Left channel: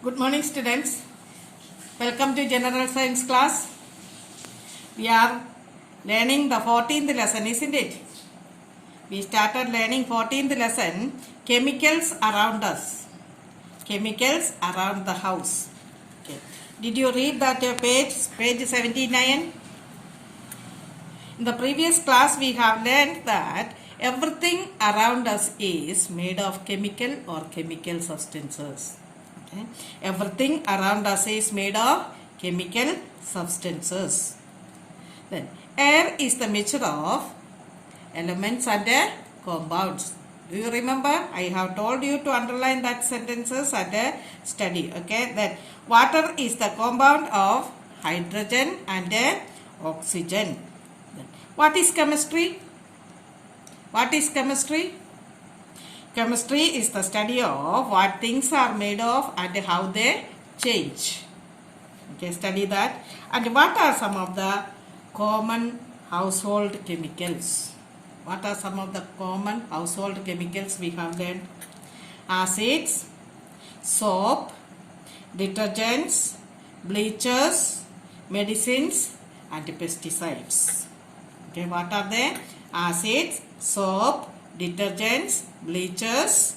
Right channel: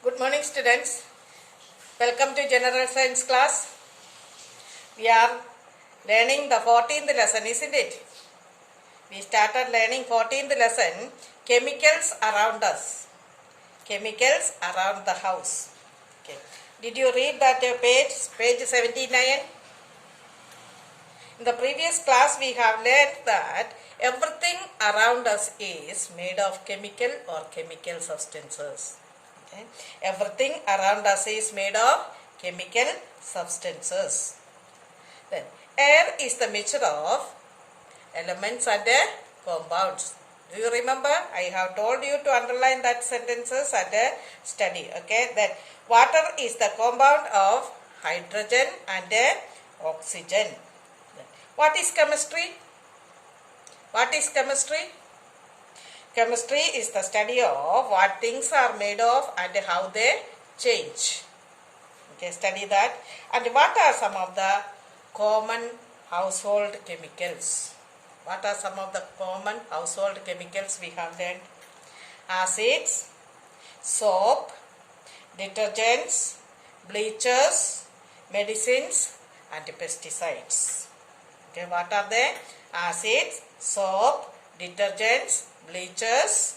Good morning, students. Welcome to General Science class. We are learning the 14th lesson, isn't it? We started learning 14th lesson, chemicals around us. Chemicals around the house. Okay. Did you read that page 79? In the previous class, we have learned that everything around us is made of chemical or chemical substances. Okay. Everything around us is made of chemical substances. Then, air is the mixture of elements and compounds. Do you remember? I have told you to underline that sentences and study. Okay. Then, water is the compound of hydrogen and oxygen. Then, what is chemistry? What is chemistry? Chemistry is the study of what things are made of and how they change. Okay, study that. And what are some of the common household chemicals? What are some of the common household chemicals we have learned? Acids, soap, detergents, bleachers, medicines, and pesticides. Okay, what are they? Acids, soap, detergents, bleachers,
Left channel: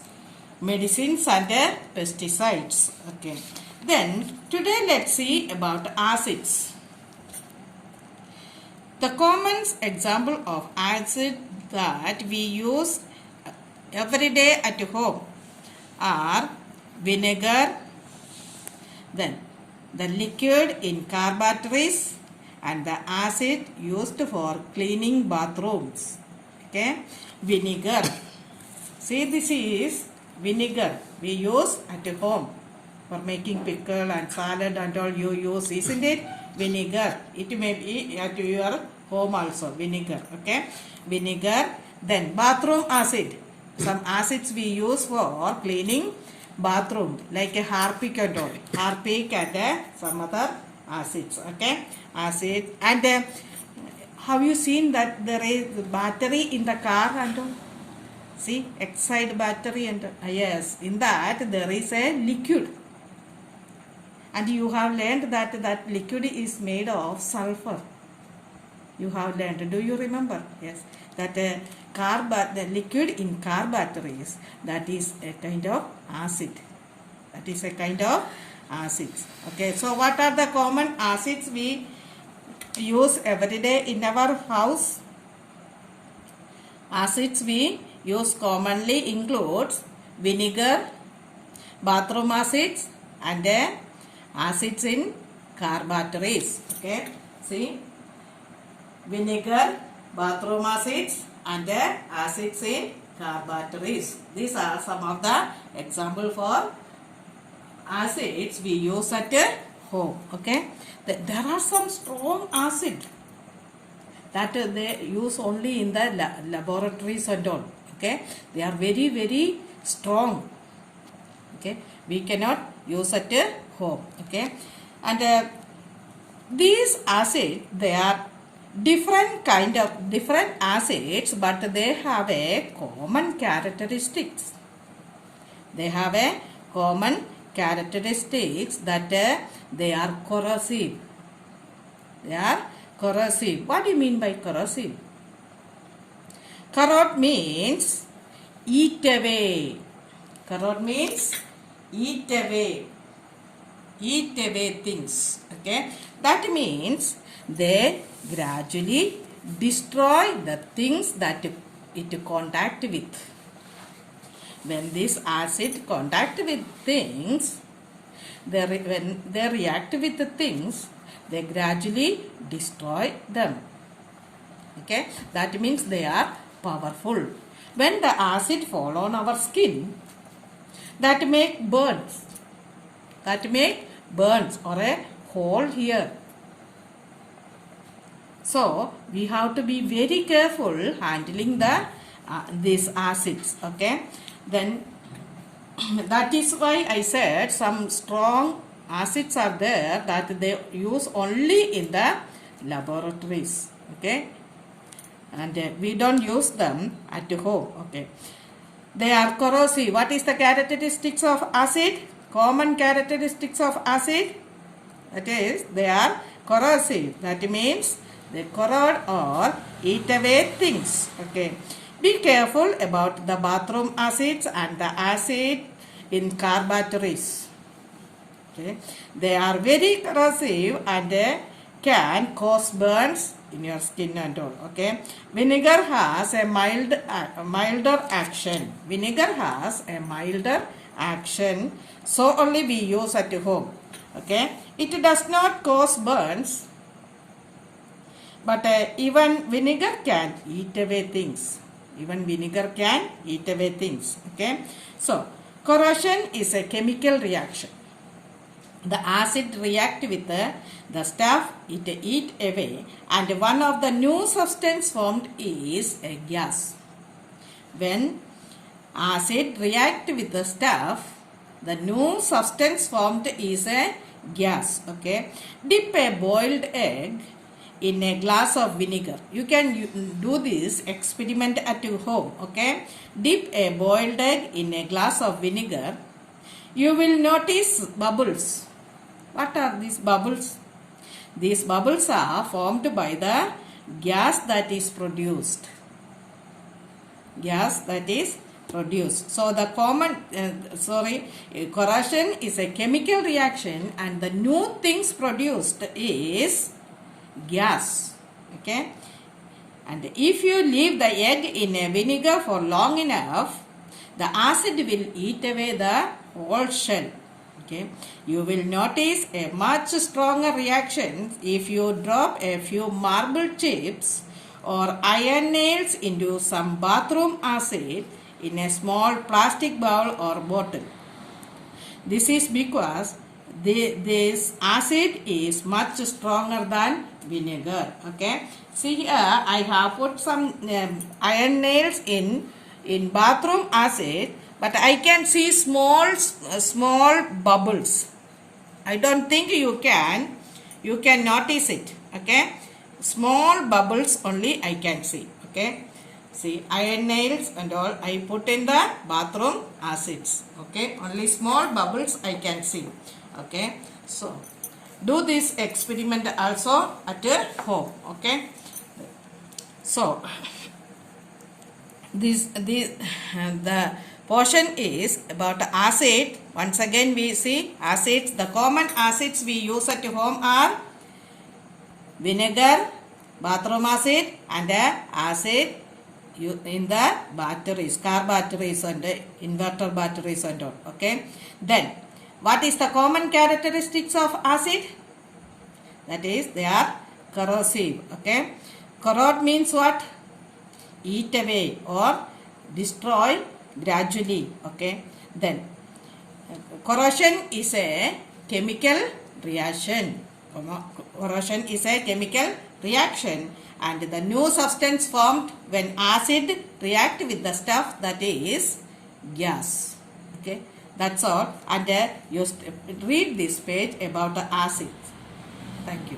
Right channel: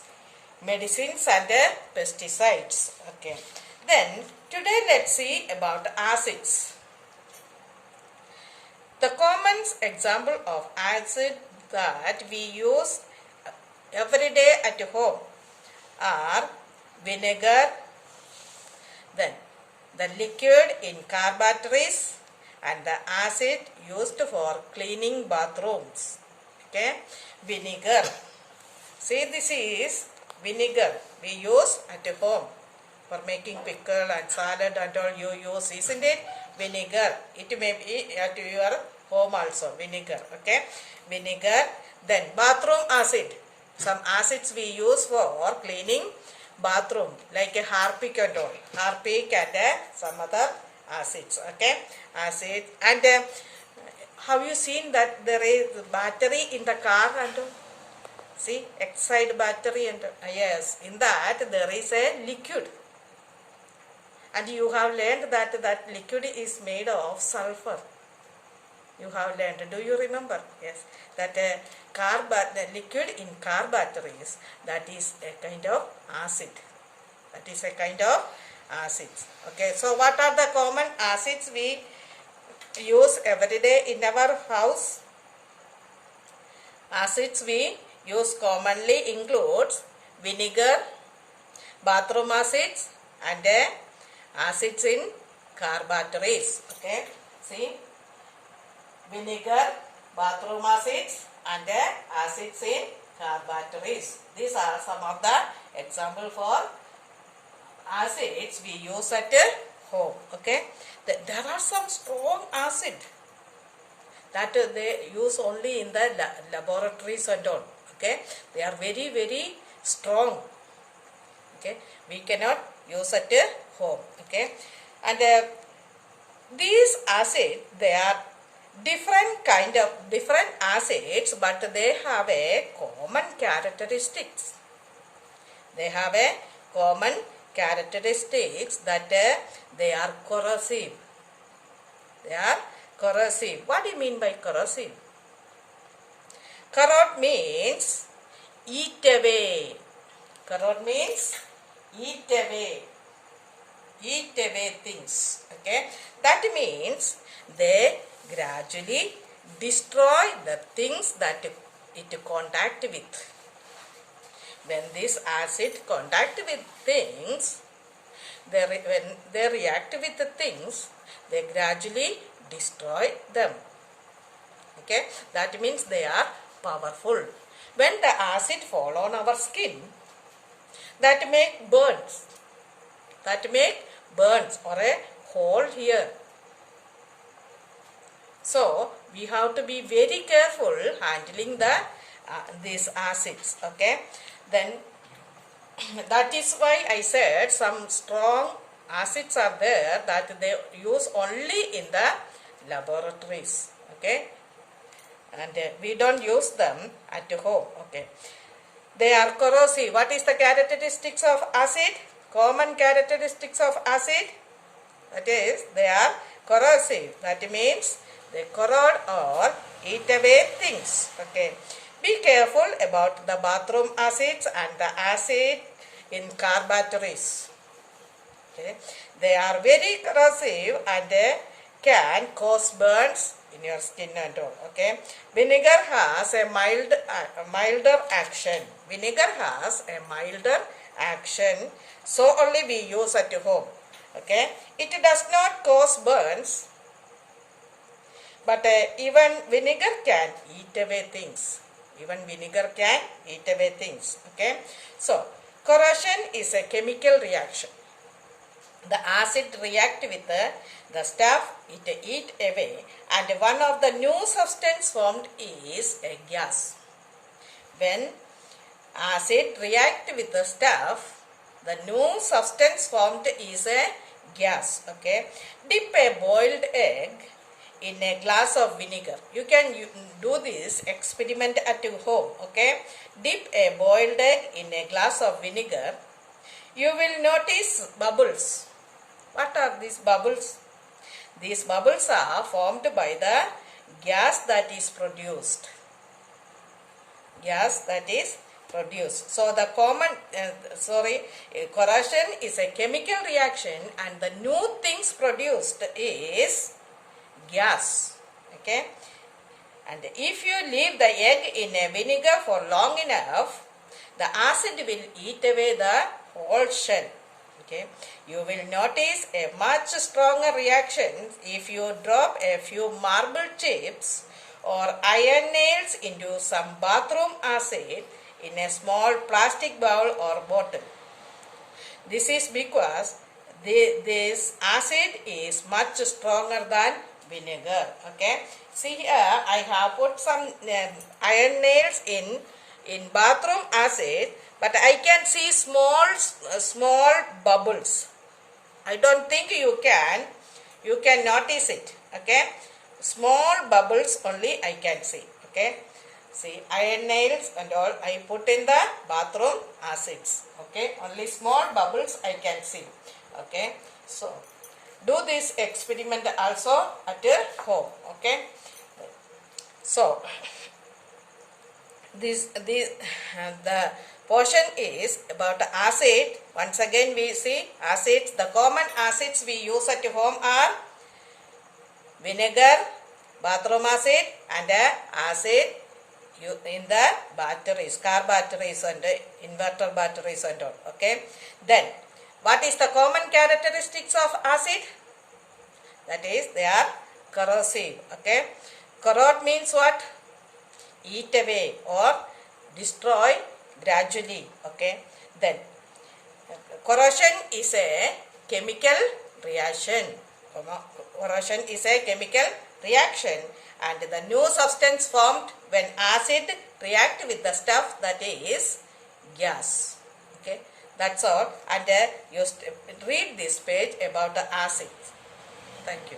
medicines and pesticides. Okay. Then today let's see about acids. The common example of acid that we use every day at home are vinegar, then the liquid in car batteries and the acid used for cleaning bathrooms. Okay, vinegar. See, this is vinegar we use at home for making pickle and salad and all you use, isn't it? Vinegar. It may be at your home also, vinegar. Okay, vinegar. Then bathroom acid. Some acids we use for cleaning bathroom like a Harpic and all. Harpic and some other acids. Okay, acid. And have you seen that there is battery in the car and all? See, Exide battery and yes, in that there is a liquid. And you have learned that that liquid is made of sulfur. You have learned. Do you remember? Yes. That the liquid in car batteries, that is a kind of acid. That is a kind of acid. Okay. So what are the common acids we use every day in our house? Acids we use commonly includes vinegar, bathroom acids and acids in car batteries. Okay. See, vinegar, bathroom acids and acids in car batteries. These are some of the example for acids we use at home. Okay. There are some strong acid that they use only in the laboratories and all. Okay, they are very, very strong. Okay, we cannot use at home. Okay, and these acids, they are different acids, but they have a common characteristics. They have a common characteristics that they are corrosive. They are corrosive. What do you mean by corrosive? Corrode means eat away. Corrode means eat away. Eat away things. Okay. That means they gradually destroy the things that it contact with. When this acid contact with things, when they react with the things, they gradually destroy them. Okay. That means they are powerful. When the acid fall on our skin, that make burns. That make burns or a hole here. So we have to be very careful handling these acids. Okay. Then that is why I said some strong acids are there that they use only in the laboratories. Okay. And we don't use them at home. Okay. They are corrosive. What is the characteristics of acid? common characteristics of acid? That is, they are corrosive. That means they corrode or eat away things. Okay. Be careful about the bathroom acids and the acid in car batteries. Okay. They are very corrosive and can cause burns in your skin and all. Okay. Vinegar has a milder action. Vinegar has a milder action. So only we use at home. Okay. It does not cause burns. But even vinegar can eat away things. Even vinegar can eat away things. Okay. So, corrosion is a chemical reaction. The acid react with the stuff it eat away, and one of the new substance formed is a gas. When acid react with the stuff, the new substance formed is a gas. Okay. Dip a boiled egg in a glass of vinegar. You can do this experiment at your home. Okay. Dip a boiled egg in a glass of vinegar. You will notice bubbles. What are these bubbles? These bubbles are formed by the gas that is produced. Gas that is produced. So the corrosion is a chemical reaction, and the new things produced is gas. Okay. And if you leave the egg in a vinegar for long enough, the acid will eat away the whole shell. Okay. You will notice a much stronger reaction if you drop a few marble chips or iron nails into some bathroom acid in a small plastic bowl or bottle. This is because this acid is much stronger than vinegar. Okay. See here, I have put some iron nails in bathroom acid, but I can see small bubbles. I don't think you can notice it. Okay. Small bubbles only I can see. Okay. See, iron nails and all I put in the bathroom acids. Okay. Only small bubbles I can see. Okay. So, do this experiment also at your home. Okay. So, the portion is about acid. Once again we see acids. The common acids we use at home are vinegar, bathroom acid, and acid in the batteries, car batteries and inverter batteries and all. Okay. Then, what is the common characteristics of acid? That is, they are corrosive. Okay. Corrode means what? Eat away or destroy gradually. Okay. Then, corrosion is a chemical reaction. Corrosion is a chemical reaction, and the new substance formed when acid react with the stuff that is gas. Okay. That's all. And you read this page about the acids. Thank you.